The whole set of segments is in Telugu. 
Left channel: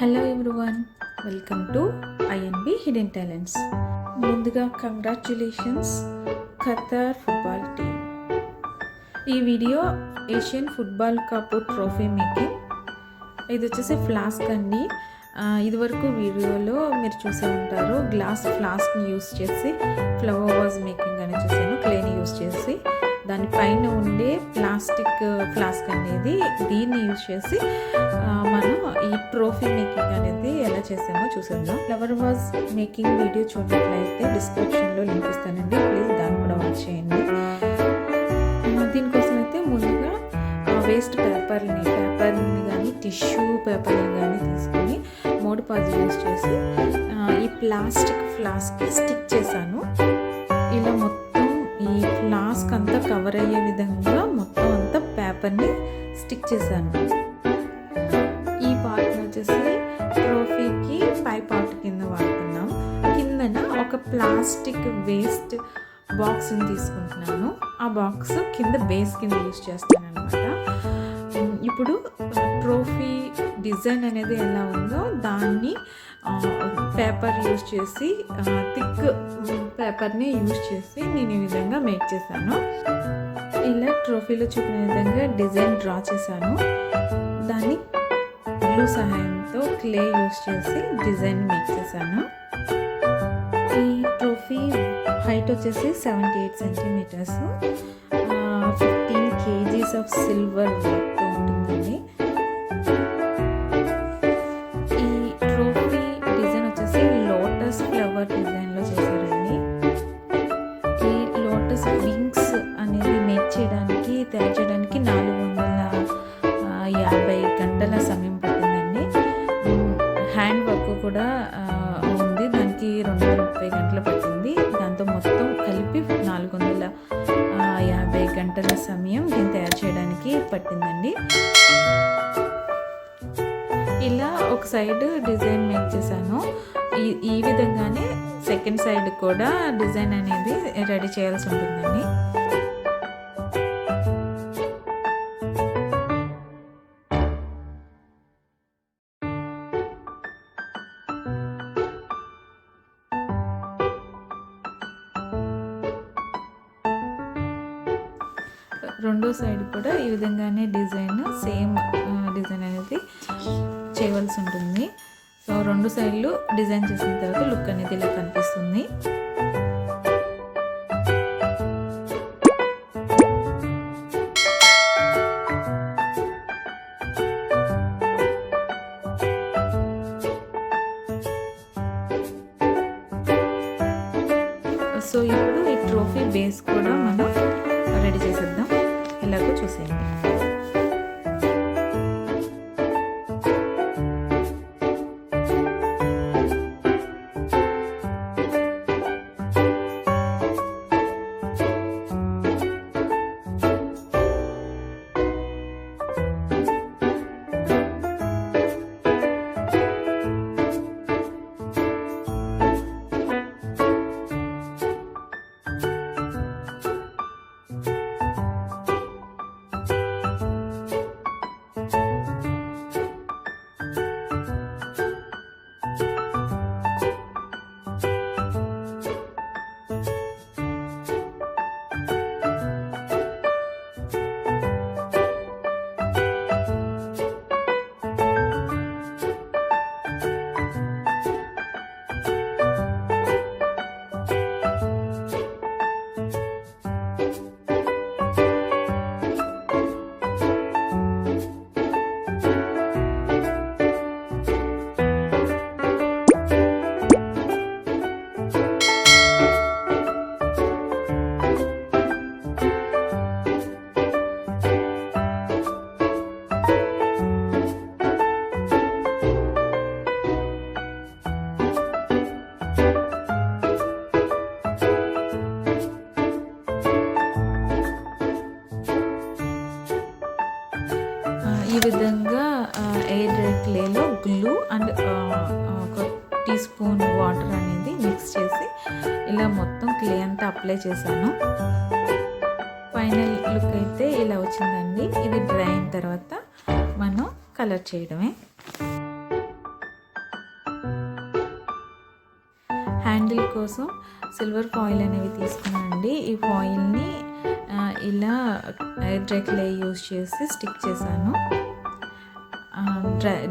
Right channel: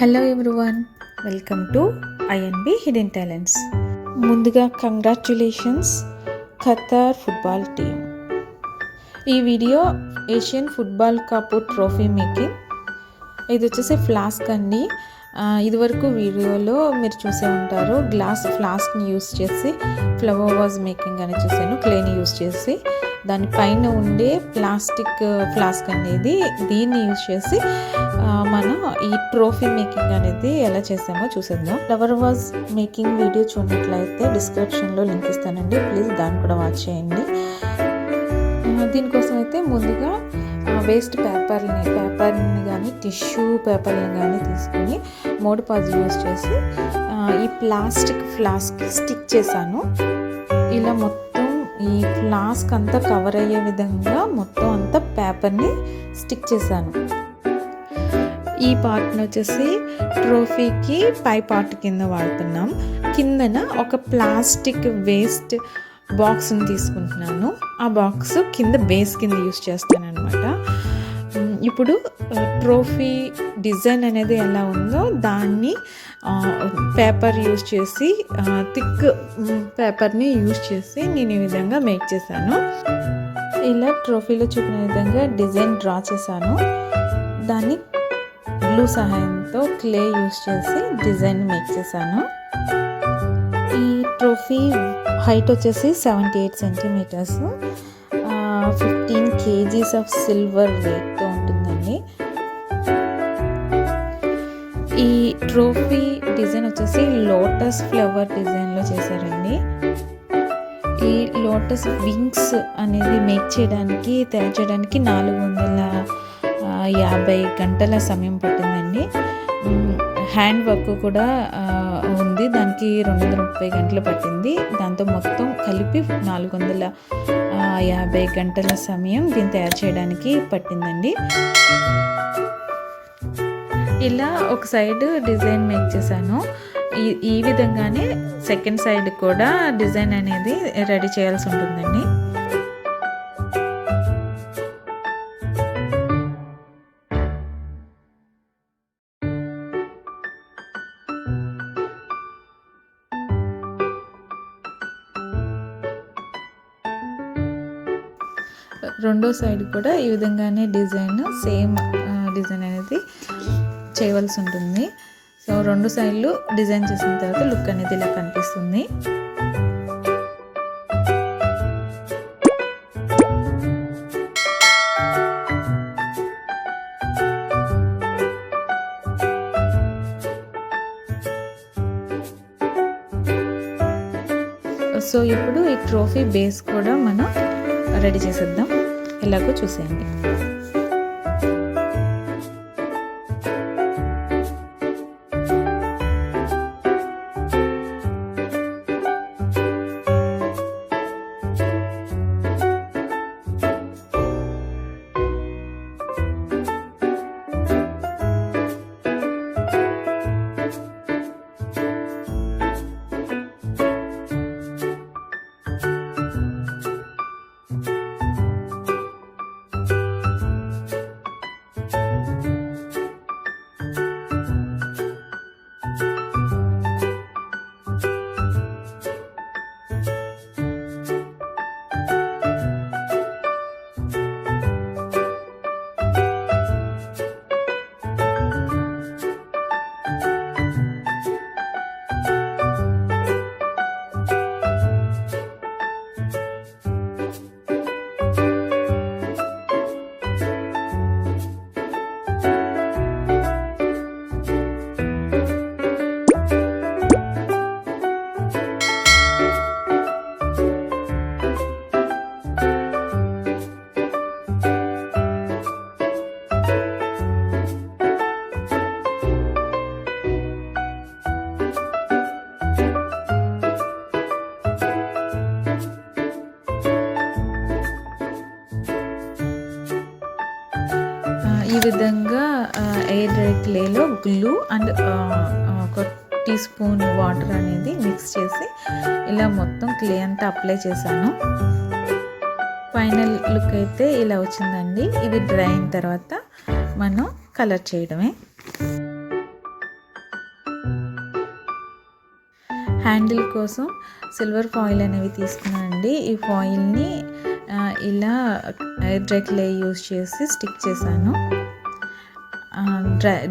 Hello everyone, welcome to INB hidden talents. ముందుగా కంగ్రాచ్యులేషన్స్ ఖతార్ ఫుట్బాల్ టీమ్. ఈ video Asian football cup trophy making. ఇది వచ్చేసి ఫ్లాస్క్ అండి. ఇదివరకు వీడియోలో మీరు చూసే ఉంటారు, గ్లాస్ ఫ్లాస్క్ని యూస్ చేసి ఫ్లవర్ వాజ్ మేకింగ్ అని చేశాను, క్లేని యూస్ చేసి. దానిపైన ఉండే ప్లాస్టిక్ ఫ్లాస్క్ అనేది దీన్ని యూజ్ చేసి మనం ఈ ట్రోఫీ మేకింగ్ అనేది ఎలా చేసామో చూసేద్దాం. ఫ్లవర్ వాజ్ మేకింగ్ వీడియో చూడట్లయితే డిస్క్రిప్షన్లో లింక్ ఇస్తానండి, ప్లీజ్ దాన్ని కూడా వాచ్ చేయండి. దీనికోసం అయితే ముందుగా వేస్ట్ పేపర్ని కానీ టిష్యూ పేపర్ని కానీ తీసుకొని మోడ్ పాజ్ యూజ్ చేసి ఈ ప్లాస్టిక్ ఫ్లాస్క్కి స్టిక్ చేశాను. ఇలా మొత్తం ఈ ఫ్లాస్క్ అంతా కవర్ అయ్యే విధంగా మొత్తం అంతా పేపర్ని స్టిక్ చేశాను. ఈ పార్ట్ని వచ్చేసి ట్రోఫీకి పై పార్ట్ కింద వాడుతున్నాం. కిందన ఒక ప్లాస్టిక్ వేస్ట్ బాక్స్ని తీసుకుంటున్నాను. ఆ బాక్స్ కింద బేస్ కింద యూస్ చేస్తాను అనమాట. ఇప్పుడు ట్రోఫీ డిజైన్ అనేది ఎలా ఉందో దాన్ని పేపర్ యూజ్ చేసి థిక్ పేపర్ని యూజ్ చేసి నేను ఈ విధంగా మేక్ చేశాను. ఇలా ట్రోఫీలో చూపిన విధంగా డిజైన్ డ్రా చేశాను. దాన్ని గ్లూ సహాయంతో క్లే యూజ్ చేసి డిజైన్ మేక్ చేశాను. ఈ ట్రోఫీ హైట్ వచ్చేసి 78 సెంటీమీటర్స్, 15 kgs ఆఫ్ సిల్వర్ వెయిట్తో ఉంటుందండి. ఈ ట్రోఫీ డిజైన్ వచ్చేసి లోటస్ ఫ్లవర్ డిజైన్లో చేశారండి. ఈ లోటస్ వింగ్స్ అనేది మేక్ చేయడానికి తయారు చేయడానికి 450 గంటల సమయం పట్టిందండి. హ్యాండ్ వర్క్ కూడా ఉంది, దానికి 230 గంటలు పట్టింది. దాంతో మొత్తం కలిపి 450 గంటల సమయం దీన్ని తయారు చేయడానికి పట్టిందండి. ఇలా ఒక సైడ్ డిజైన్ మేక్ చేశాను. ఈ విధంగానే సెకండ్ సైడ్ కూడా డిజైన్ అనేది రెడీ చేయాల్సి ఉంటుందండి. రెండో సైడ్ కూడా ఈ విధంగానే సేమ్ డిజైన్ అనేది చేయవలసి ఉంటుంది. సో రెండు సైడ్లు డిజైన్ చేసిన తర్వాత లుక్ అనేది ఇలా కనిపిస్తుంది. సో ఇప్పుడు ఈ ట్రోఫీ బేస్ కూడా మనం రెడీ చేసేద్దాం. ఇలాగో చూసేయండి. ఈ విధంగా ఎయిర్ డ్రై క్లేలో గ్లూ అండ్ ఒక టీ స్పూన్ వాటర్ అనేది మిక్స్ చేసి ఇలా మొత్తం క్లే అంతా అప్లై చేశాను. ఫైనల్ లుక్ అయితే ఇలా వచ్చిందండి. ఇది డ్రై అయిన తర్వాత మనం కలర్ చేయడమే. హ్యాండిల్ కోసం సిల్వర్ ఫాయిల్ అనేవి తీసుకున్నానండి. ఈ ఫాయిల్ని ఇలా ఎయిర్ డ్రై క్లే యూజ్ చేసి స్టిక్ చేశాను.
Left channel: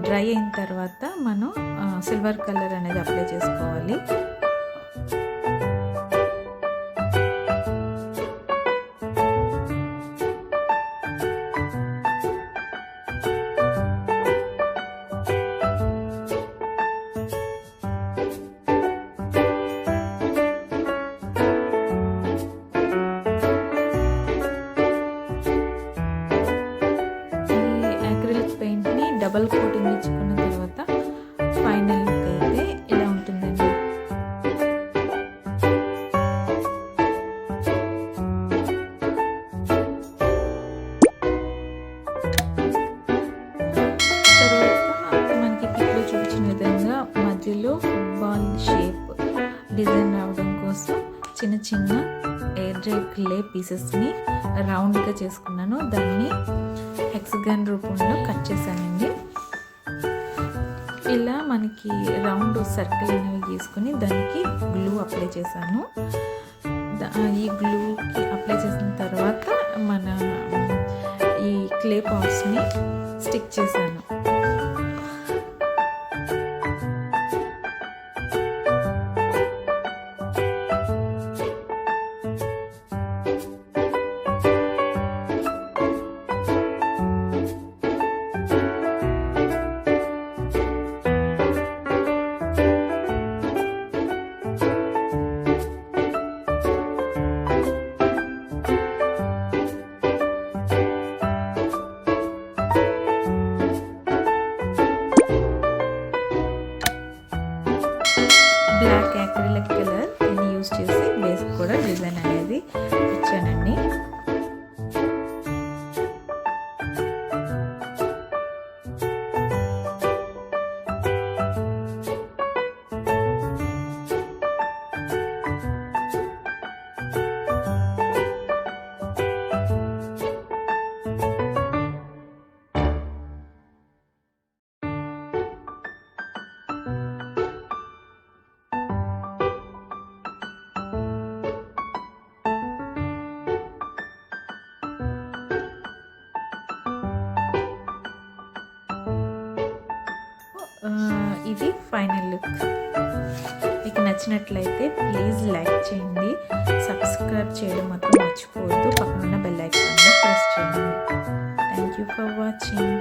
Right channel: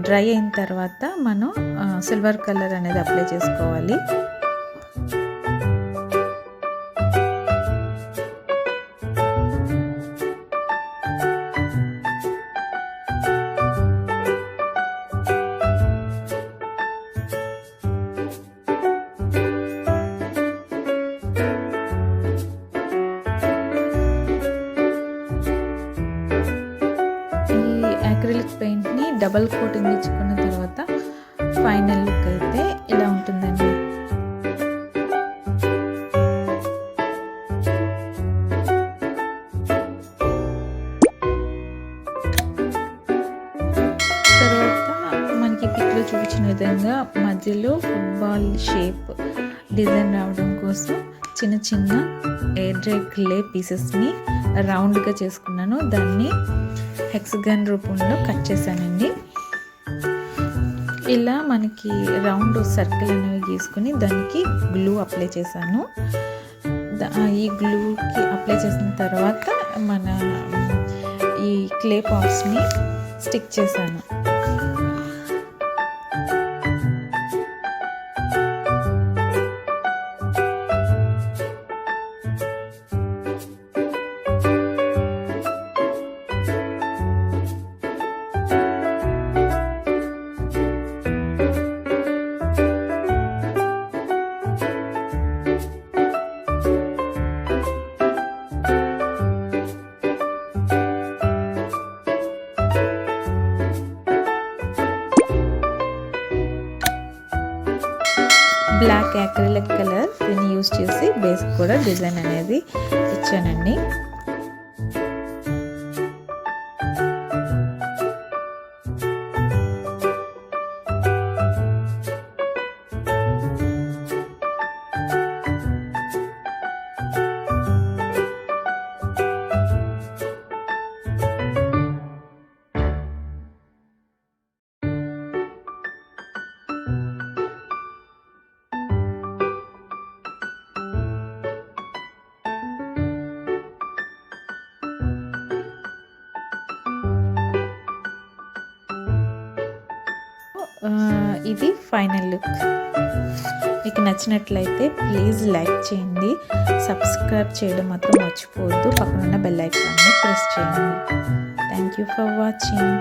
డ్రై అయిన తర్వాత మనం సిల్వర్ కలర్ అనేది అప్లై చేసుకోవాలి. అక్రిలిక్ పెయింట్ని డబల్ కోటింగ్ ఇచ్చుకున్న తర్వాత ఫైనల్ లుక్ అయితే ఇలా ఉంటుందండి. తర్వాత మనకి పిక్లో చూపించిన విధంగా మధ్యలో ఫుట్బాల్ షేప్ డిజైన్ రావడం కోసం చిన్న చిన్న ఎయిర్ డ్రై క్లే పీసెస్ని రౌండ్గా చేసుకున్నాను. దాన్ని హెక్సగన్ రూపంలో కట్ చేశానండి. ఇలా మనకి రౌండ్ సర్కిల్ అనేవి గీసుకుని దానికి గ్లూ అప్లై చేశాను. ఈ గ్లూకి అప్లై చేసిన తర్వాత మన ఈ క్లే పాట్స్ని స్టిక్ చేశాను. బ్లాక్ యాక్రిలిక్ కలర్ దీన్ని యూజ్ చేసి బేస్ కూడా డిజైన్ అనేది ఇచ్చానండి. ఇది ఫైనల్ లుక్. మీకు నచ్చినట్లయితే ప్లీజ్ లైక్ చేయండి, సబ్స్క్రైబ్ చేయడం మాత్రం మర్చిపోవద్దు, పక్కనున్న బెల్ ఐకాన్ని ప్రెస్ చేయండి. Thank you for watching.